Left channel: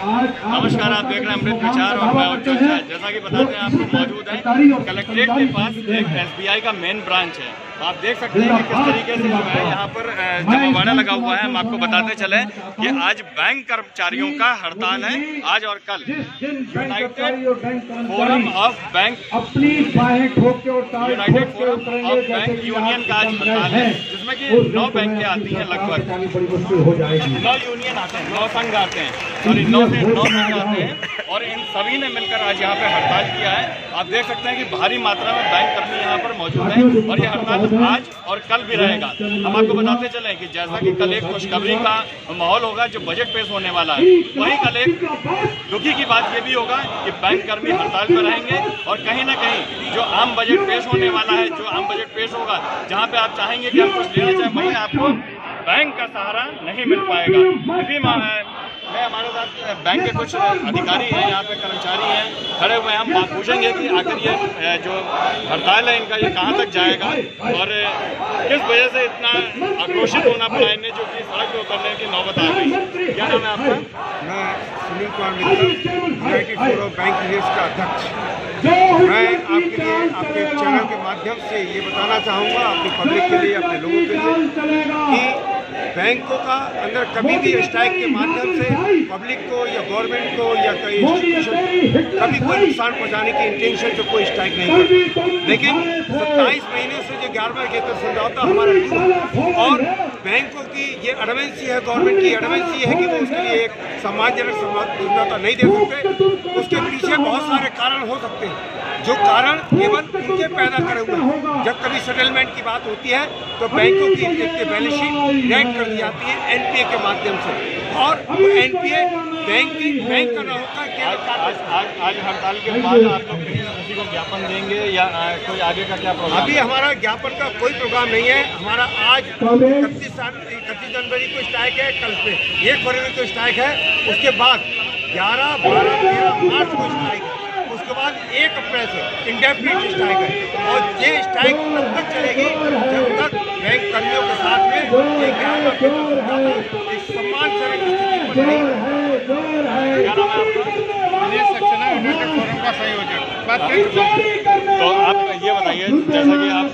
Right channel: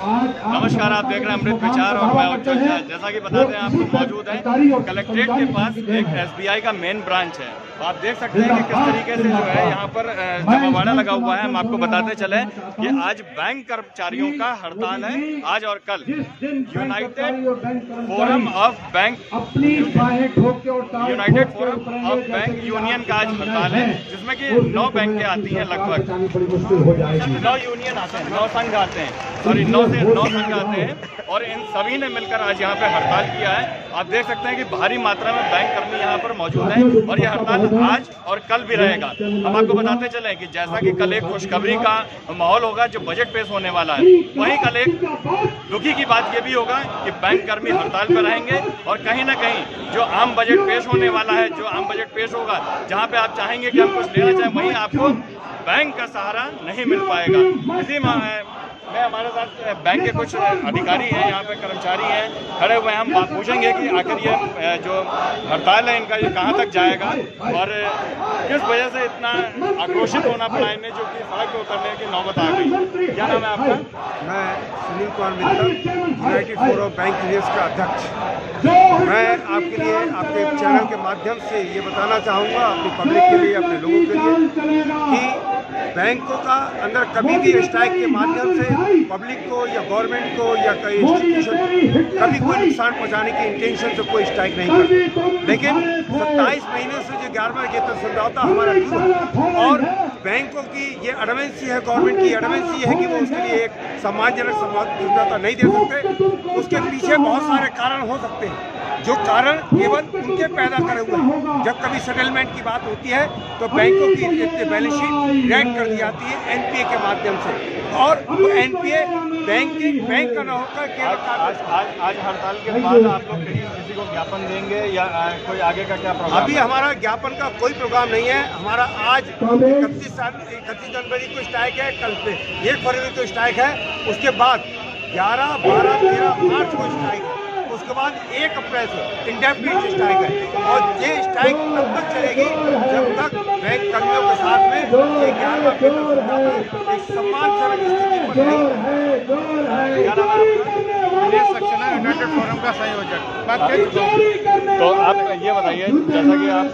नमस्कार, आप देख रहे हैं अमृत विचार और मैं उज्ज्वल झा। जैसा कि बताते हैं आपको, मौजूद है कलेक्ट्रेट के पास एक SBI का मेन ब्रांच है। आप देख सकते हैं कि किस तरीके से जो है यहाँ पर जमावड़ा लगा हुआ है। हम आपको बताते चले कि आज बैंक कर्मचारियों का हड़ताल है, आज और कल। United forum of bank union का आज हड़ताल है, जिसमें कि 9 बैंकें आती हैं, लगभग 9 यूनियन आते हैं, 9 संघ आते हैं, सॉरी 9 संघ आते हैं, और इन सभी ने मिलकर आज यहाँ पे हड़ताल किया है। आप देख सकते हैं कि भारी मात्रा में बैंक कर्मी यहाँ पर मौजूद हैं और यह हड़ताल आज और कल भी रहेगा। हम आपको बताते चलें कि जैसा कि कल एक खुशखबरी का माहौल होगा जो बजट पेश होने वाला है, वहीं कल एक दुखी की बात यह भी होगा कि बैंक कर्मी हड़ताल पर रहेंगे और कहीं ना कहीं जो आम बजट पेश होने वाला है, जो आम बजट पेश होगा, जहां पे आप चाहेंगे कि हम कुछ लेना चाहें, वहीं आपको बैंक का सहारा नहीं मिल पाएगा। इसी मैं हमारे साथ बैंक के कुछ अधिकारी हैं, यहाँ पे कर्मचारी हैं खड़े हुए हैं। हम पूछेंगे कि आखिर ये जो हड़ताल है इनका, ये कहाँ तक जाएगा और किस वजह से इतना आक्रोशित होना पड़ा इन्हें, जो कि सड़क पर उतरने की नौबत आ गई। क्या नाम है आपका? मैं Sunil Kumar Mittal, United forum of bank unions का अध्यक्ष। मैं आपके लिए आपके चैनल के माध्यम से ये बताना चाहूँगा, अपनी पब्लिक के लिए, अपने लोगों के लिए, कि बैंकों का अंदर कभी भी स्ट्राइक के माध्यम से पब्लिक को या गवर्नमेंट को या कोई इंस्टीट्यूशन कभी कोई नुकसान पहुंचाने की इंटेंशन से कोई स्ट्राइक नहीं करती। लेकिन 27 महीने से जो 11वां वेतन समझौता हमारा ड्यू है और बैंकों की ये एडवेंसी है, गवर्नमेंट की एडवेंसी है कि वो उसके लिए एक सम्मानजनक समझौता नहीं दे सकते। उसके पीछे बहुत सारे कारण हो सकते हैं, जो कारण केवल उनके पैदा करे हुए हैं। जब कभी सेटलमेंट की बात होती है तो बैंकों की बैलेंस शीट रेड कर दी जाती है NPA के माध्यम से, और वो NPA बैंक का न होकर केवल आज हड़ताल के बाद आप लोग किसी को ज्ञापन देंगे या कोई आगे का क्या प्रोग्राम? अभी हमारा ज्ञापन का कोई प्रोग्राम नहीं है। हमारा आज 31 जनवरी को स्ट्राइक है, कल पे 1 फरवरी को स्ट्राइक है, उसके बाद 11, 12, 13 मार्च को स्ट्राइक है, उसके बाद 1 अप्रैल से इंडेफिनिट स्ट्राइक है। और ये स्ट्राइक तब तक चलेगी जब तक बैंक कर्मियों के साथ में ये 11वां वेतन समझौता एक सम्मानजनक स्थिति पर नहीं। क्या नाम है आपका? दिनेश सक्सेना, यूनाइटेड फोरम का संयोजक। बात कर चुका हूँ। तो आप ये बताइए, जैसा कि आप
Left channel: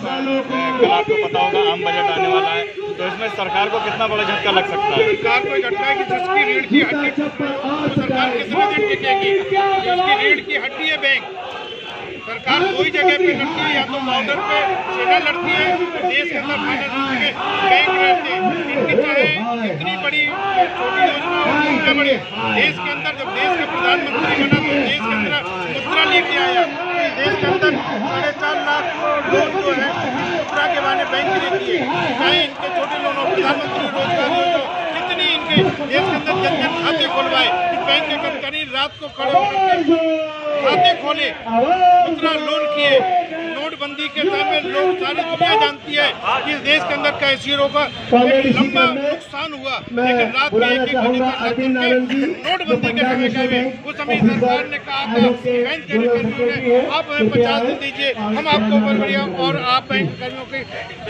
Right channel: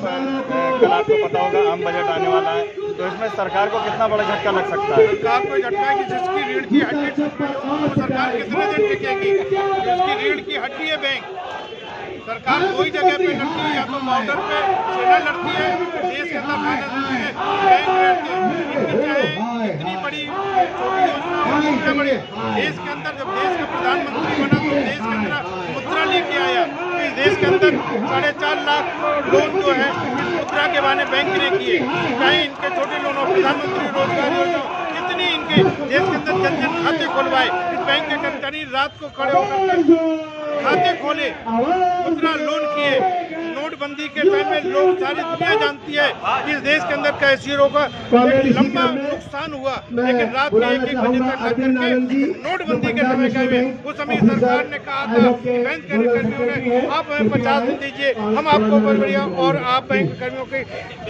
कल आपको पता होगा आम बजट आने वाला है, तो इसमें सरकार को कितना बड़ा झटका लग सकता है? सरकार को झटका है कि जिसकी रीढ़ की हड्डी टूट रही हो वो सरकार कितने दिन टिकेगी? उसकी रीढ़ की हड्डी है बैंक। सरकार दो ही जगह पे लड़ती है, या तो बॉर्डर पे सेना लड़ती है, तो देश के अंदर फाइनेंस बैंक रहते हैं। इनकी चाहे इतनी बड़ी छोटी योजना हो, कितना बड़े देश के अंदर, जब देश का प्रधानमंत्री बना तो देश के अंदर मुद्रा लेके आया। इस देश के अंदर 4.5 लाख लोन जो है मुद्रा के बहाने बैंक लेती है। चाहे इनके छोटे लोन और प्रधानमंत्री रोजगार योजना, कितनी इनके देश के अंदर जन खाते खुलवाए। इस बैंक के कर्मचारी रात को खड़े होकर के खाते खोले, मुद्रा लोन किए। नोटबंदी के टाइम में लोग, सारी दुनिया जानती है कि इस देश के अंदर कैशियरों का एक लंबा नुकसान हुआ, लेकिन रात में 1-1 बजे तक लग करके नोटबंदी के समय गए। उस समय सरकार ने कहा था, बैंक कर्मियों ने, आप हमें 50 दिन दीजिए, हम आपको बढ़िया, और आप बैंक कर्मियों की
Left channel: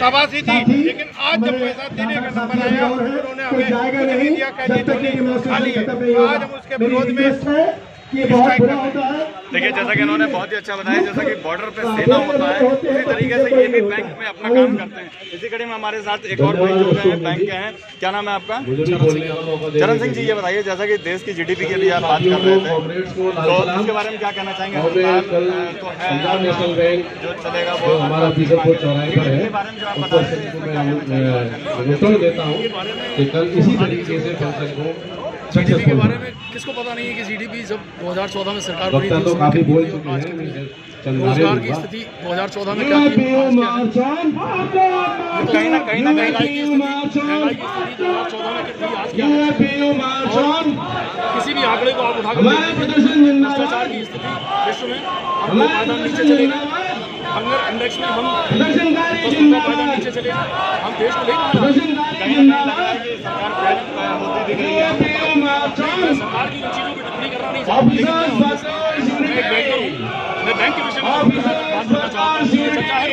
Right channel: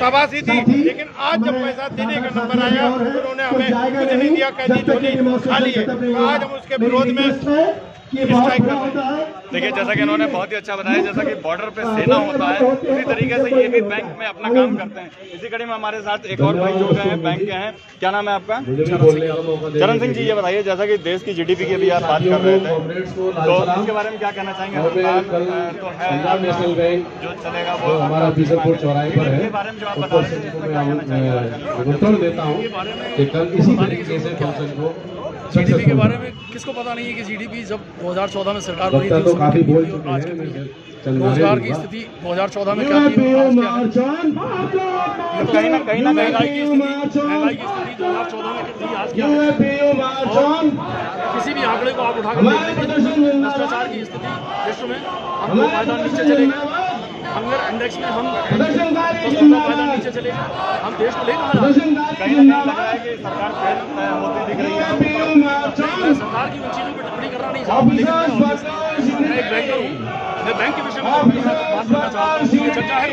शाबाशी दी। लेकिन आज जब पैसा देने का नंबर आया, उन्होंने हमें कुछ नहीं दिया, कह दी झोली खाली है। तो आज हम उसके विरोध में देखिए, जैसा कि इन्होंने बहुत ही अच्छा बताया, जैसा कि बॉर्डर पे सेना होता है, उसी तरीके से ये भी बैंक में अपना काम करते हैं। इसी कड़ी में हमारे साथ एक और भाई जुड़ रहे हैं, बैंक के हैं। क्या नाम है आपका? चरण सिंह जी, ये बताइए, जैसा कि देश की GDP के लिए आप बात कर रहे थे, तो उसके बारे में क्या कहना चाहेंगे? हड़ताल तो है जो चलेगा वो, इसके बारे में जो आप बता रहे थे, GDP के बारे में किसको पता नहीं है कि GDP जब 2014 में सरकार बनी थी, काफी बोल चुके हैं। रोजगार की स्थिति 2014 में क्या थी, कहीं ना कहीं महंगाई की स्थिति 2014 में थी, आज क्या है? और किसी भी आंकड़े को आप उठा कर देख लीजिए, भ्रष्टाचार की स्थिति विश्व में, हम 2 पायदान नीचे चले गए। हंगर इंडेक्स में हम 10-15 पायदान नीचे चले गए। हम देश को ले कहाँ जा रहे हैं? कहीं ना कहीं लग रहा है कि सरकार फेल होती दिख रही है। मैं सरकार की उन चीज़ों पर टिप्पणी करना नहीं चाहता, लेकिन मैं एक बैंकर हूँ, मैं बैंक के विषय में बात करना चाहता हूँ। ये चर्चा है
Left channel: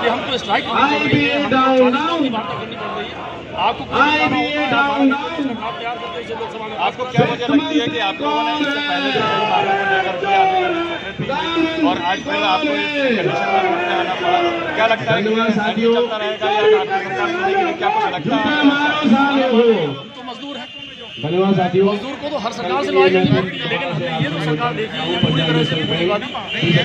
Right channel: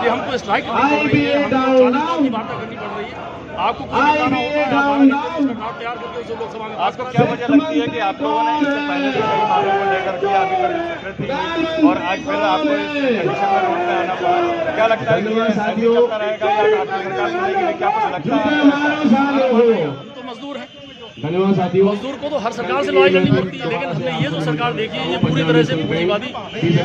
कि हमको स्ट्राइक करनी पड़ रही है, हमको 40 लोगों की वार्ता करनी पड़ रही है। आपको कोई बताना होता है, आप तैयार करके उसे लोकसभा में आपको क्या वजह लगती है कि आप लोगों ने इससे पहले भी कई मांगों को लेकर के अभी और आज फिर आपको इस कंडीशन में रोड पे आना पड़ा? क्या लगता है कि ये चलता रहेगा या आपकी सरकार सुनेगी? क्या कुछ लगता है? हम तो मजदूर हैं, मजदूर को तो हर सरकार से लड़ाई लड़नी पड़ती है, लेकिन हमने ये जो सरकार देखी है ये पूरी तरह से पूंजीवादी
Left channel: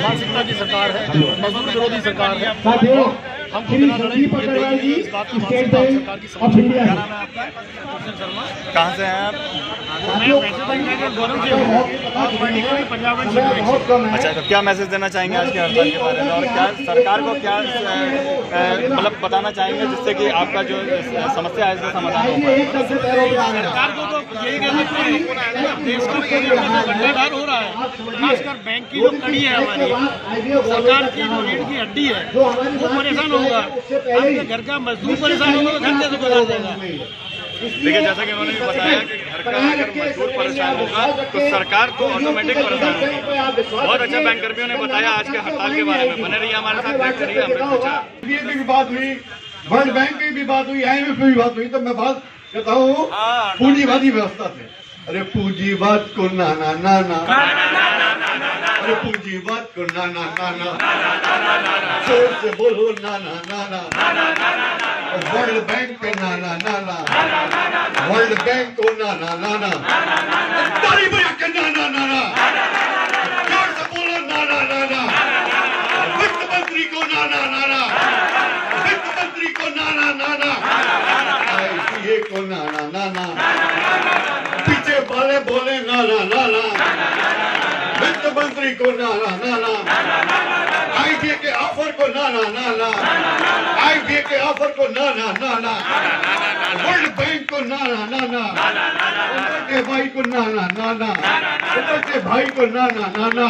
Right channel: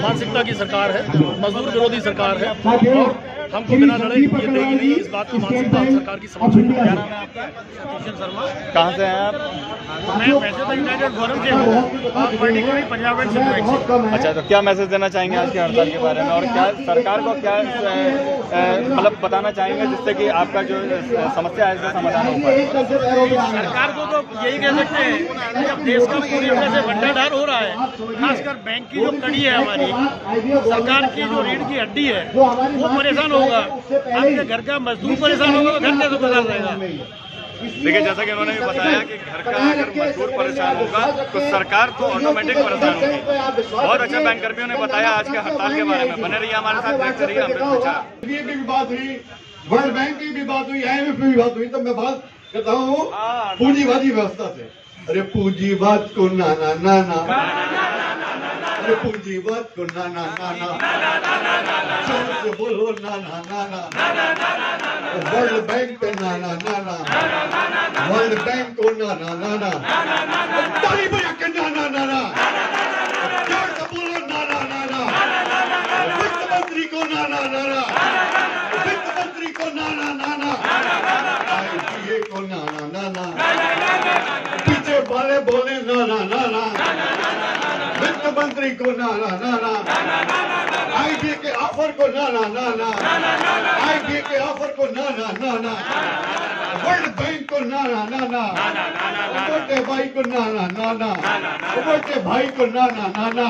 मानसिकता की सरकार है, मजदूर विरोधी सरकार है और हमको बिना लड़े ये देगी नहीं। इस बात की मानसिकता सरकार की समझ में है। शर्मा, कहाँ से हैं आप? मैं मैसेज गौरव से हूँ और पर्टिकुलरली पंजाब एंड सिंध। अच्छा, तो क्या मैसेज देना चाहेंगे आज की हड़ताल के बारे में और क्या सरकार को क्या मतलब बताना चाहेंगे जिससे कि आपका जो समस्या है इसका समाधान हो पाए? सरकार को तो यही कह सकते हैं कि अब देश का पूरी तरह से भंडार हो रहा है, खासकर बैंक की जो कड़ी है हमारी सरकार की जो रीढ़ की हड्डी है वो परेशान होगा। आपके घर का मजदूर परेशान होगा तो घर कैसे गुजार जाएगा? देखिए, जैसा कि उन्होंने भी बताया कि घर का अगर मजदूर परेशान होगा तो सरकार तो ऑटोमेटिक परेशान होगी। बहुत अच्छा बैंक कर्मियों ने बताया आज के हड़ताल के बारे में। बने रहिए हमारे साथ, देखते रहिए अमृत प्रचार। की बात हुई, वर्ल्ड बैंक की भी बात हुई, IMF की भी बात हुई, तो मैं बात कहता हूँ पूंजीवादी व्यवस्था से। अरे पूंजीवाद को नाना नाना, अरे पूंजीवाद को नाना नाना, जोर से बोलो नाना नाना। वर्ल्ड बैंक पे नाना नाना, वर्ल्ड बैंक को नाना नाना, ताली बजा के नाना नाना, जोर से बोलो नाना नाना। वित्त मंत्री को नाना नाना, वित्त मंत्री को नाना नाना, ICA को नाना नाना, पीछे वाले बोले नाना नाना, वित्त मंत्री को नाना नाना, IBA के ऑफर को नाना नाना, IBA के ऑफर को नाना नाना, वर्ल्ड बैंक को नाना नाना, ऊपर के भाई को नाना नाना, ऊपर के भाई को नाना नाना,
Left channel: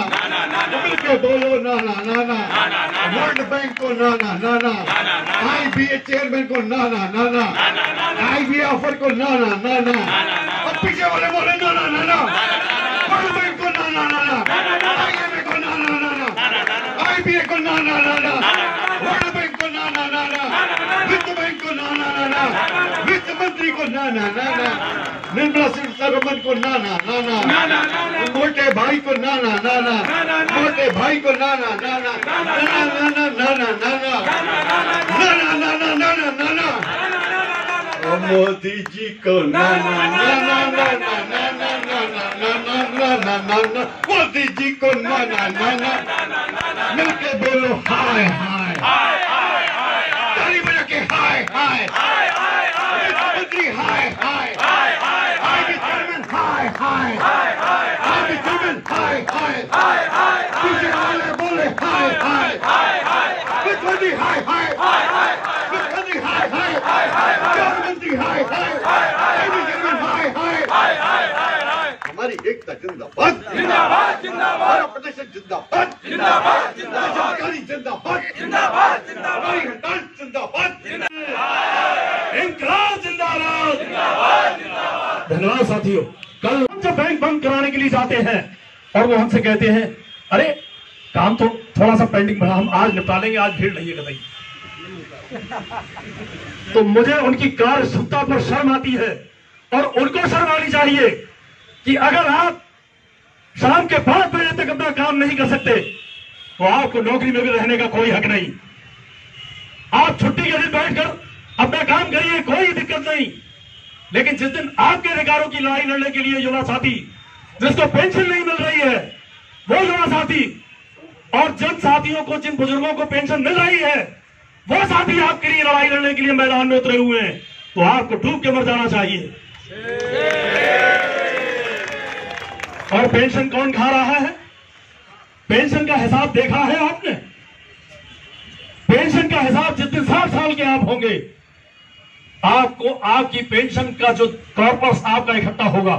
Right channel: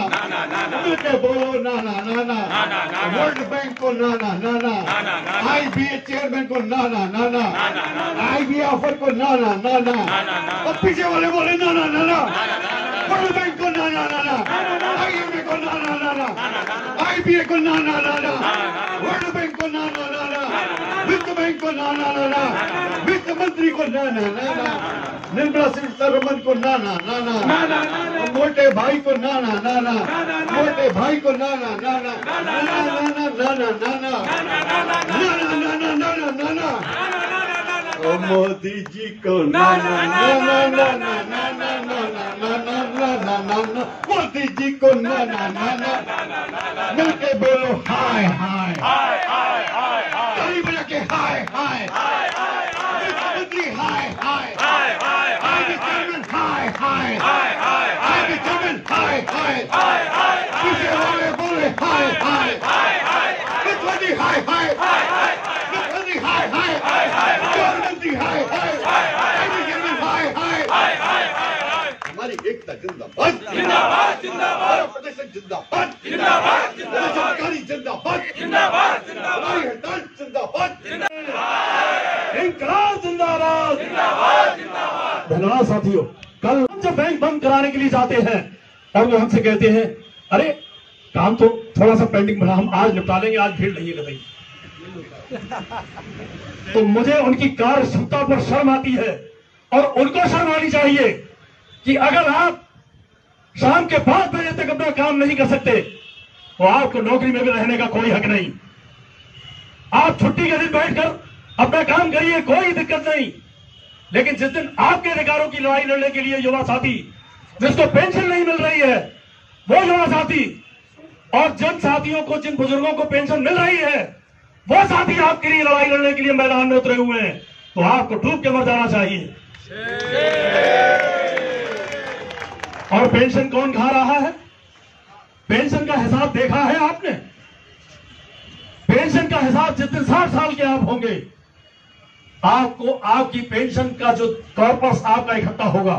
मिल के बोलो नाना नाना, वर्ल्ड बैंक को नाना नाना, IBA चेयरमैन को नाना नाना, IBA ऑफर को नाना नाना, और पीछे वाले बोले नाना नाना, वर्ल्ड बैंक को नाना नाना, IMF को नाना नाना, IBA को नाना नाना, वर्ल्ड बैंक को नाना नाना, वित्त बैंक को नाना नाना, वित्त मंत्री को नाना नाना, निर्मला सीतारमण को नाना नाना, मोटे भाई को नाना नाना, मोटे भाई को नाना नाना, नाना नाना नाना नाना, नाना नाना नाना, मोदी जी को नाना नाना नाना नाना नाना नाना नाना, मोदी जी को नाना नाना, मिलके बोलो हाय हाय, ताली बजा के हाय हाय, मंत्री हाय हाय, IBA चेयरमैन हाय हाय, IBA चेयरमैन हाय हाय, पीछे वाले बोले हाय हाय, वित्त मंत्री हाय हाय, वित्त मंत्री हाय हाय, प्रधानमंत्री हाय हाय, चेयरमैन हाय हाय, हमारी एकता जिंदाबाद, जिंदाबाद जिंदाबाद, हमारा प्रदर्शन जिंदाबाद, जिंदाबाद जिंदाबाद, सरकारी जिंदाबाद, जिंदाबाद जिंदाबाद, हमारी हड़ताल जिंदाबाद, इंकलाब जिंदाबाद, जिंदाबाद जिंदाबाद। धन्यवाद साथियों। कल जब बैंक बंद कराने के लिए जाते हैं और वो हमसे कहते हैं अरे काम तो थोड़ा सा पेंडिंग बना, हम आज निपटा लेंगे, आज भीड़ नहीं है कहीं, तो मुझे उनकी कार्य क्षमता पर शर्म आती है और उनको शर्म आनी चाहिए कि अगर आप शाम के 5 बजे तक अपना काम नहीं कर सकते तो आपको नौकरी में भी रहने का कोई हक नहीं। आप छुट्टी के दिन बैठकर अपना काम करिए, कोई दिक्कत नहीं, लेकिन जिस दिन आपके अधिकारों की लड़ाई लड़ने के लिए युवा साथी जिसको पेंशन नहीं मिल रही है वो युवा साथी और जिन साथियों को, जिन बुजुर्गों को पेंशन मिल रही है वो साथी आपके लिए लड़ाई लड़ने के लिए मैदान में उतरे हुए हैं, तो आपको डूब के मर जाना चाहिए। और पेंशन कौन खा रहा है? पेंशन का हिसाब देखा है आपने? पेंशन का हिसाब जिस दिन 60 साल के आप होंगे आपको आपकी पेंशन का जो कॉर्पस आपका इकट्ठा होगा,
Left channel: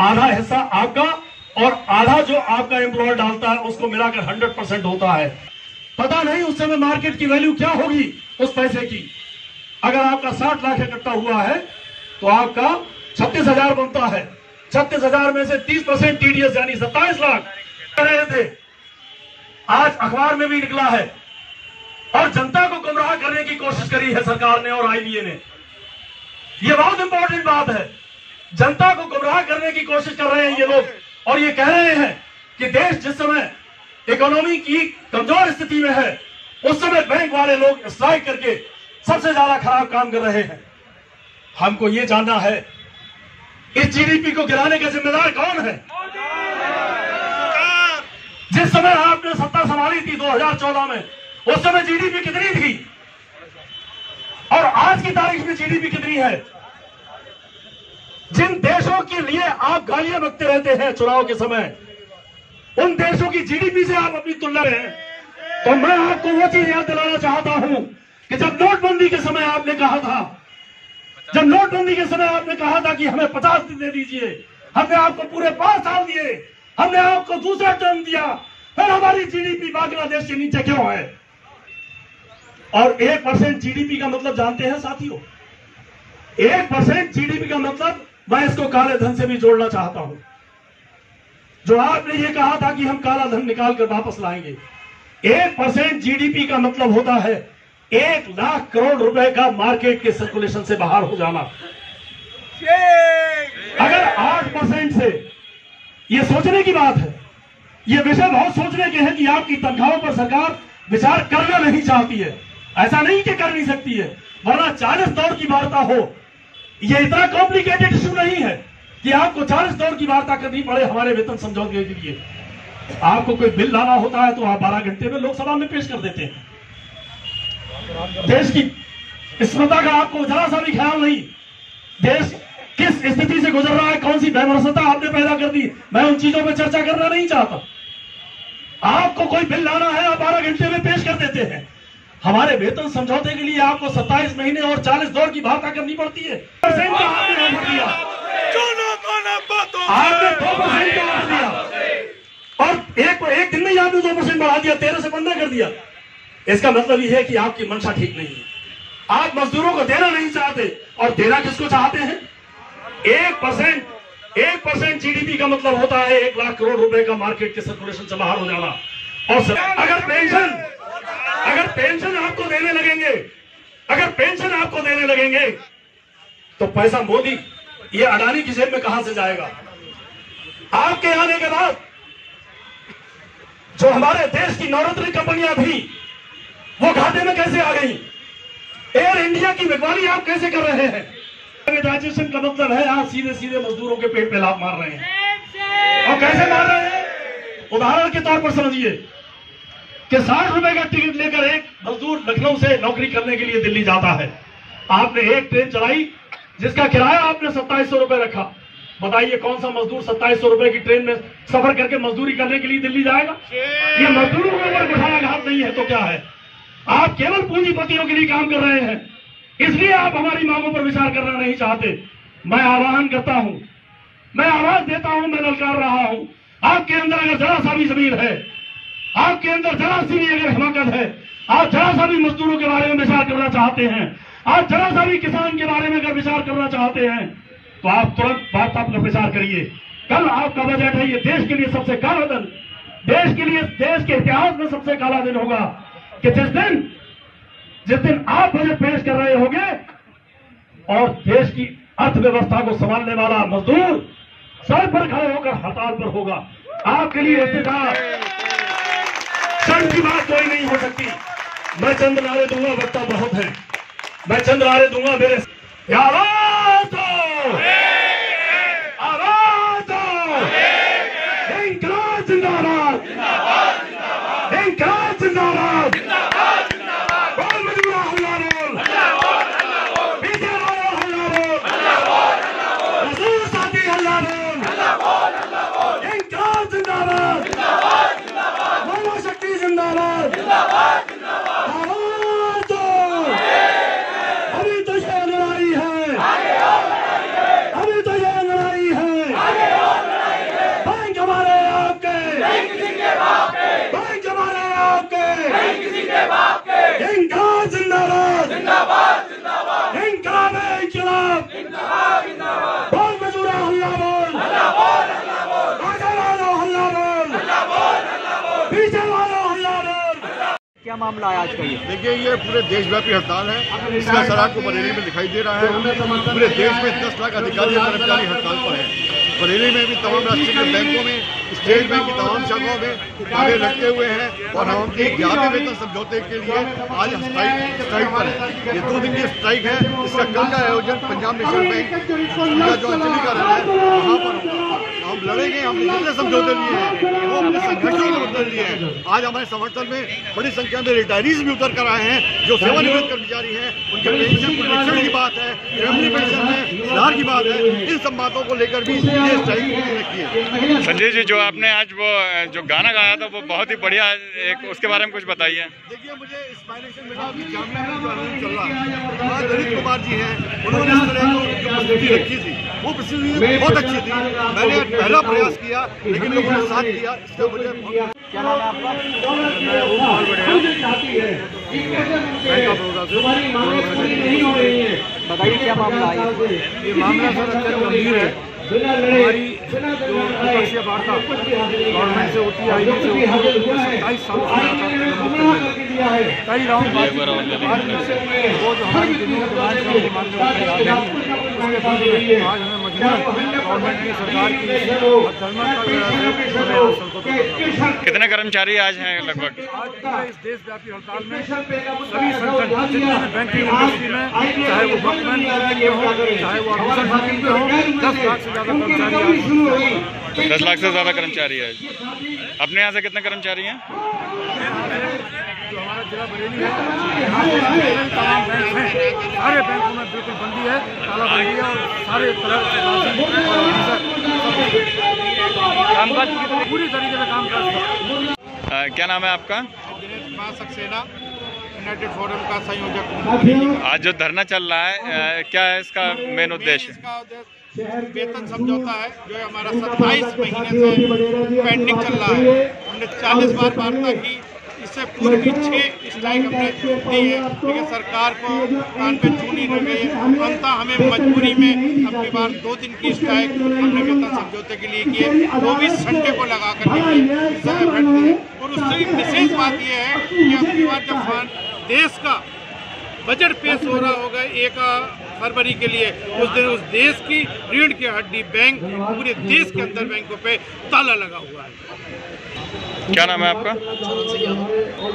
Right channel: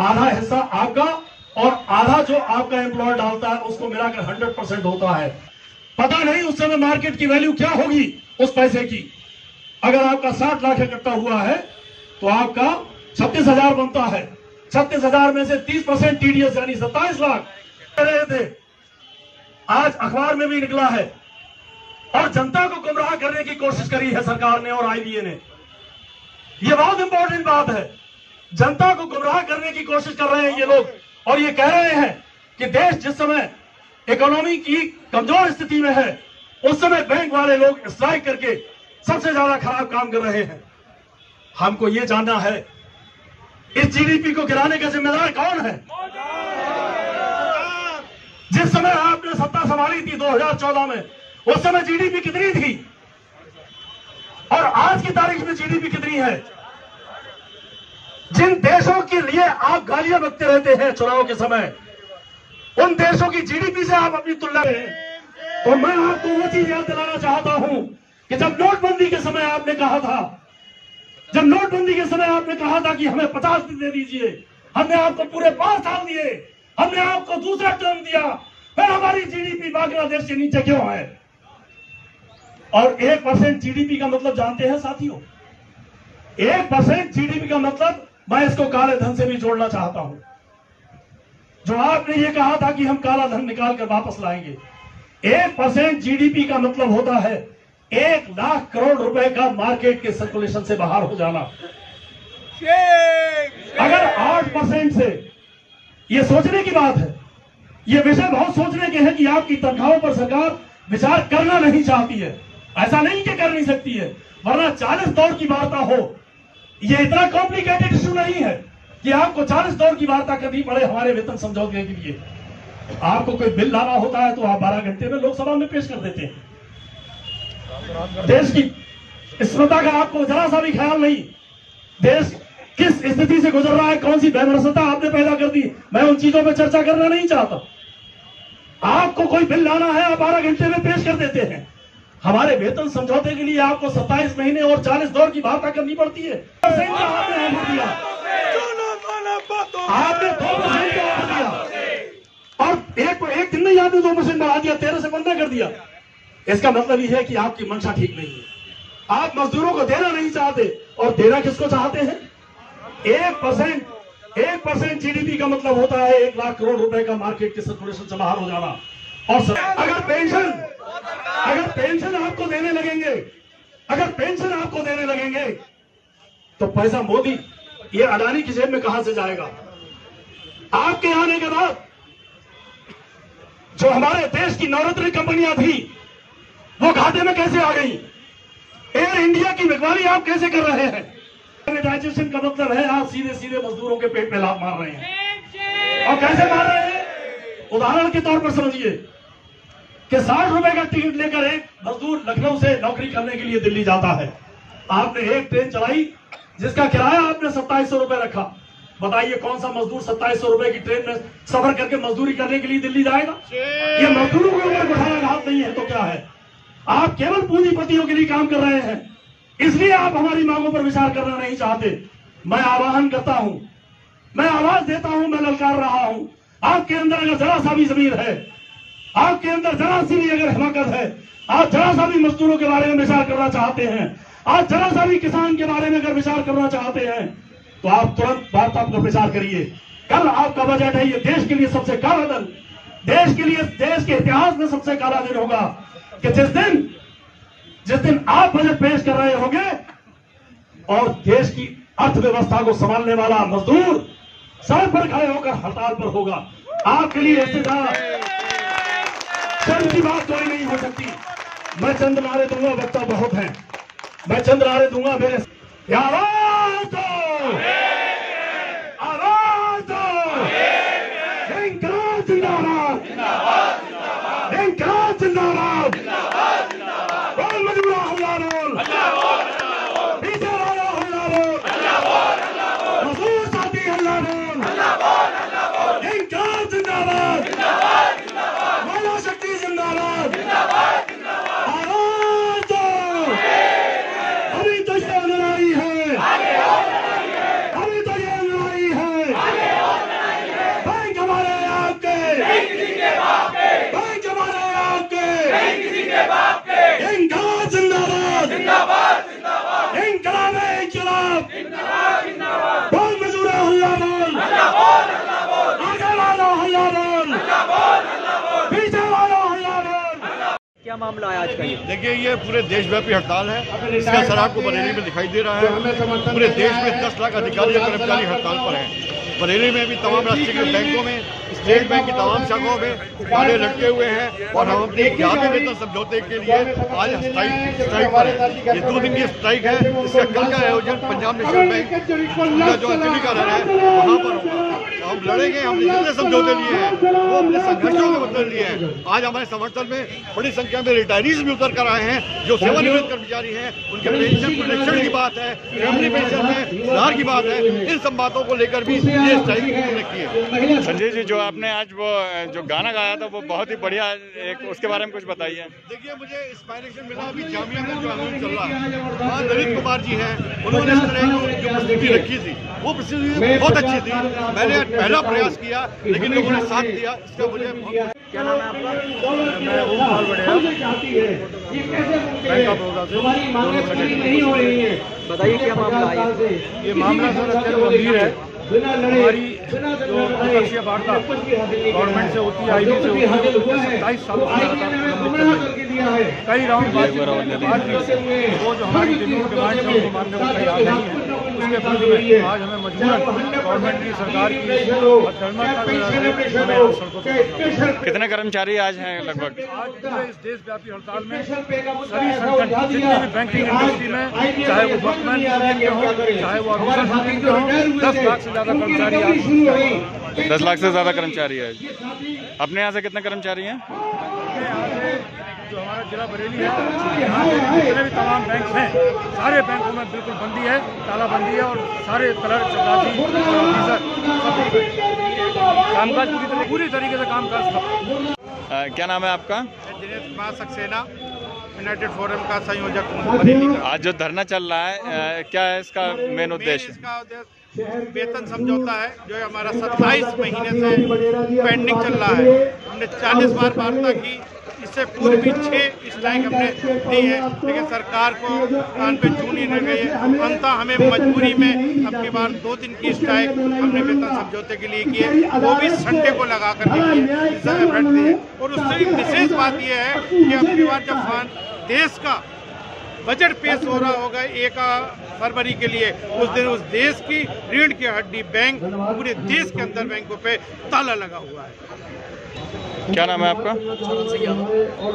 आधा हिस्सा आपका और आधा जो आपका एम्प्लॉयर डालता है उसको मिलाकर 100% होता है। पता नहीं उस समय मार्केट की वैल्यू क्या होगी उस पैसे की। अगर आपका 60 लाख इकट्ठा हुआ है तो आपका 36,000 बनता है। 36,000 में से 30% TDS यानी 27 लाख रहे थे। आज अखबार में भी निकला है और जनता को गुमराह करने की कोशिश करी है सरकार ने और IBA ने। यह बहुत इंपॉर्टेंट बात है। जनता को गुमराह करने की कोशिश कर रहे हैं ये लोग, और ये कह रहे हैं कि देश जिस समय इकोनॉमी की कमजोर स्थिति में है उस समय बैंक वाले लोग स्ट्राइक करके सबसे ज्यादा खराब काम कर रहे हैं। हमको ये जानना है इस जीडीपी को गिराने का जिम्मेदार कौन है? जिस समय आपने सत्ता संभाली थी 2014 में, उस समय जीडीपी कितनी थी और आज की तारीख में जीडीपी कितनी है? जिन देशों के लिए आप गालियां बकते रहते हैं चुनाव के समय, उन देशों की जीडीपी से आप अपनी तुलना में, तो मैं आपको वो चीज याद दिलाना चाहता हूं कि जब नोटबंदी के समय आपने कहा था, जब नोटबंदी के समय आपने कहा था कि हमें 50 दिन दे दीजिए, हमने आपको पूरे 5 साल दिए, हमने आपको दूसरा टर्म दिया, फिर हमारी जीडीपी बांग्लादेश के नीचे क्यों है? और 1% जीडीपी का मतलब जानते हैं साथियों? 1% जीडीपी का मतलब, मैं इसको काले धन से भी जोड़ना चाहता हूं। जो आपने ये कहा था कि हम काला धन निकाल कर वापस लाएंगे, 1% जीडीपी का मतलब होता है 1 लाख करोड़ रुपए का मार्केट के सर्कुलेशन से बाहर हो जाना। अगर 8% से, ये सोचने की बात है, ये विषय बहुत सोचने के हैं कि आपकी तनख्वाहों पर सरकार विचार करना नहीं चाहती है। ऐसा नहीं कि कर नहीं सकती है, वरना 40 दौर की वार्ता हो। ये इतना कॉम्प्लिकेटेड इशू नहीं है कि आपको 40 दौर की वार्ता करनी पड़े हमारे वेतन समझौते के लिए। आपको कोई बिल लाना होता है तो आप 12 घंटे में लोकसभा में पेश कर देते हैं। देश की स्मृता का आपको जरा सा भी ख्याल नहीं। देश किस स्थिति से गुजर रहा है, कौन सी बेमरसता आपने पैदा कर दी, मैं उन चीजों पर चर्चा करना नहीं चाहता। आपको कोई बिल लाना है, आप 12 घंटे में पेश कर देते हैं। हमारे वेतन समझौते के लिए आपको 27 महीने और 40 दौर की वार्ता करनी पड़ती है। आपने ऑफर दिया, आपने 2% का ऑफर दिया और एक दिन में ही आपने 2% बढ़ा दिया, 13 से 15 कर दिया। इसका मतलब यह है कि आपकी मंशा ठीक नहीं है। आप मजदूरों को देना नहीं चाहते, और देना किसको चाहते हैं? 1% जीडीपी का मतलब होता है 1 लाख करोड़ रुपए का मार्केट के सर्कुलेशन से बाहर हो जाना। और अगर पेंशन आपको देने लगेंगे, अगर पेंशन आपको देने लगेंगे तो पैसा मोदी, ये अडानी की जेब में कहां से जाएगा? आपके आने के बाद जो हमारे देश की नवरत्न कंपनियां थी वो घाटे में कैसे आ गई? एयर इंडिया की बिकवाली आप कैसे कर रहे हैं? प्राइवेटाइजेशन का मतलब है आप सीधे सीधे मजदूरों के पेट पे लात मार रहे हैं। और कैसे मार रहे हैं? उदाहरण के तौर पर समझिए कि 60 रुपए का टिकट लेकर एक मजदूर लखनऊ से नौकरी करने के लिए दिल्ली जाता है। आपने एक ट्रेन चलाई जिसका किराया आपने 2700 रुपए रखा। बताइए कौन सा मजदूर 2700 रुपए की ट्रेन में सफर करके मजदूरी करने के लिए दिल्ली जाएगा? ये मजदूरों के ऊपर कुठाराघात नहीं है तो क्या है? आप केवल पूंजीपतियों के लिए काम कर रहे हैं, इसलिए आप हमारी मांगों पर विचार करना नहीं चाहते। मैं आह्वान करता हूं, मैं आवाज देता हूं, मैं ललकार रहा हूं। आपके अंदर अगर जरा सा भी जमीर है, आपके अंदर जरा सी भी अगर हिमाकत है, आप जरा सा भी मजदूरों के बारे में विचार करना चाहते हैं, आप जरा सा भी किसान के बारे में अगर विचार करना चाहते हैं, तो आप तुरंत वार्ता पर विचार करिए। कल आपका बजट है, ये देश के लिए सबसे काला दिन, देश के लिए, देश के इतिहास में सबसे काला दिन होगा कि जिस दिन आप बजट पेश कर रहे होंगे और देश की अर्थव्यवस्था को संभालने वाला मजदूर सड़क पर खड़े होकर हड़ताल पर होगा। आपके लिए इससे ज्यादा शर्म की बात कोई नहीं हो सकती। मैं चंद नारे दूंगा, वक्ता बहुत है, मैं चंद नारे दूंगा। मेरे आवाज दो, आवाज दो, इंकलाब जिंदाबाद, इंकलाब जिंदाबाद, बोल मजबूर हल्ला बोल, पीछे वाले हल्ला बोल, मजदूर साथी हल्ला बोल, इंकलाब जिंदाबाद, महिला शक्ति जिंदाबाद, आवाज दो। अभी तो ये लड़ाई है, अभी तो ये लड़ाई है, बैंक हमारे आपके, बैंक हमारे आपके, इंकलाब जिंदाबाद, इंकलाब इंकलाब, बोल मजदूर हल्ला बोल, आगे वाला हल्ला बोल। मामला है आज का ये? देखिए, ये पूरे देशव्यापी हड़ताल है। इसका असर आपको बरेली में दिखाई दे रहा है। पूरे देश में 10 लाख अधिकारी और कर्मचारी हड़ताल पर हैं। बरेली में भी तमाम राष्ट्रीय बैंकों में, स्टेट बैंक की तमाम शाखाओं में ताले लटके हुए हैं और हम अपने ज्ञापन वेतन समझौते के लिए आज स्ट्राइक पर है। ये 2 दिन की स्ट्राइक है। इसका कल का आयोजन पंजाब नेशनल बैंक का जो चंडीगढ़ है वहाँ पर होगा। हम लड़ेंगे। हमने जितने समझौते लिए हैं वो अपने संघर्षों के बदल लिए हैं। आज हमारे समर्थन में बड़ी संख्या में रिटायरीज भी उतर कर आए हैं, जो सेवानिवृत्त कर्मचारी हैं। उनके पेंशन प्रोटेक्शन की बात है, फैमिली पेंशन में सुधार की बात है। इन सब बातों को लेकर भी ये स्ट्राइक रखी है। संजय जी, जो आपने आज वो जो गाना गाया था वो बहुत ही बढ़िया, एक उसके बारे में कुछ बताइए। देखिए, मुझे इंस्पायरेशन मिला अभी जामिया में जो आंदोलन चल रहा है, वहाँ ललित कुमार जी हैं, उन्होंने इस तरह की जो प्रस्तुति रखी थी वो प्रस्तुति बहुत अच्छी थी। मैंने पहला प्रयास किया लेकिन लोगों ने साथ दिया। इसका मुझे बहुत। क्या नाम है आपका? मैं ओम बढ़िया बैंक ऑफ बड़ौदा से। बताइए क्या मामला है? ये मामला सर अत्यंत गंभीर है। हमारी जो विपक्षीय वार्ता गवर्नमेंट से होती है, आईबी से होती है, 27 सालों से लगातार लंबित चल रही है। कई राउंड बातचीत करने के बाद भी वो जो हमारी जितनी डिमांड है उनको मानने को तैयार नहीं है। उसके बाद में आज हमें मजबूरन गवर्नमेंट की, सरकार की कितने कर्मचारी आज हैं लगभग? आज पूरे इस देशव्यापी हड़ताल में सभी संगठन जितने भी बैंकिंग इंडस्ट्री में, चाहे वो वर्कमैन के हों, चाहे वो ऑफिसर के हों, 10 लाख से ज़्यादा कर्मचारी आज 10 लाख से ज़्यादा कर्मचारी है। अपने यहाँ से कितने कर्मचारी हैं? जो हमारा जिला बरेली है, यहाँ पे जितने भी तमाम बैंक हैं, सारे बैंकों में बिल्कुल बंदी है, तालाबंदी है और सारे पूरी तरीके से काम कर। क्या नाम है आपका? दिनेश कुमार सक्सेना, यूनाइटेड फोरम का संयोजक बरेली का। आज जो धरना चल रहा है, क्या है इसका मेन उद्देश्य? इसका उद्देश्य वेतन समझौता है जो हमारा 27 महीने से पेंडिंग चल रहा है। हमने 40 बार वार्ता की, इससे पूर्व भी 6 स्ट्राइक हमने दी है, लेकिन सरकार को कान पे चून ही नहीं गई है। अंततः हमें मजबूरी में अब की बार 2 दिन की स्ट्राइक हमने वेतन समझौते के लिए किए, वो भी संडे को लगा करके किए, इसका एफर्ट दिए। और उससे भी विशेष बात यह है कि अब की बार जब देश का बजट पेश हो रहा होगा 1 फरवरी के लिए, उस दिन उस देश की रीढ़ की हड्डी बैंक, पूरे देश के अंदर बैंकों पे ताला लगा हुआ है। क्या नाम है आपका?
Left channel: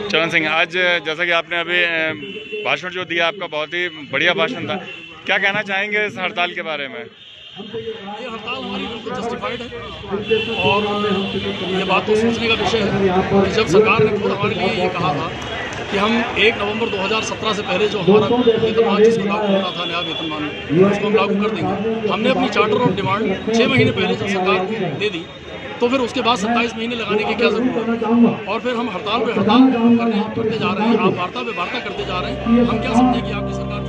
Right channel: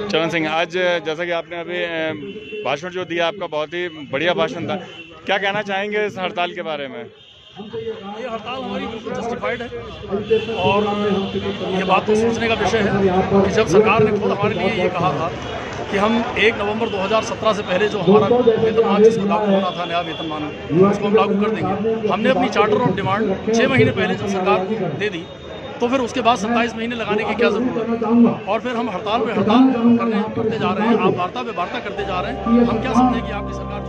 चरण सिंह। आज जैसा कि आपने अभी भाषण जो दिया, आपका बहुत ही बढ़िया भाषण था, क्या कहना चाहेंगे इस हड़ताल के बारे में? ये हड़ताल हमारी बिल्कुल जस्टिफाइड है और ये बात तो सोचने का विषय है कि जब सरकार ने खुद हमारे लिए ये कहा था कि हम 1 नवंबर 2017 से पहले जो हमारा वेतनमान जिसको लागू होना था, नया वेतनमान, उसको हम लागू कर देंगे। हमने अपनी चार्टर ऑफ डिमांड 6 महीने पहले जब सरकार को दे दी, तो फिर उसके बाद 27 महीने लगाने की क्या ज़रूरत है? और फिर हम हड़ताल पे हड़ताल करते जा रहे हैं, आप वार्ता पे वार्ता करते जा रहे हैं। हम क्या समझें कि आपकी सरकार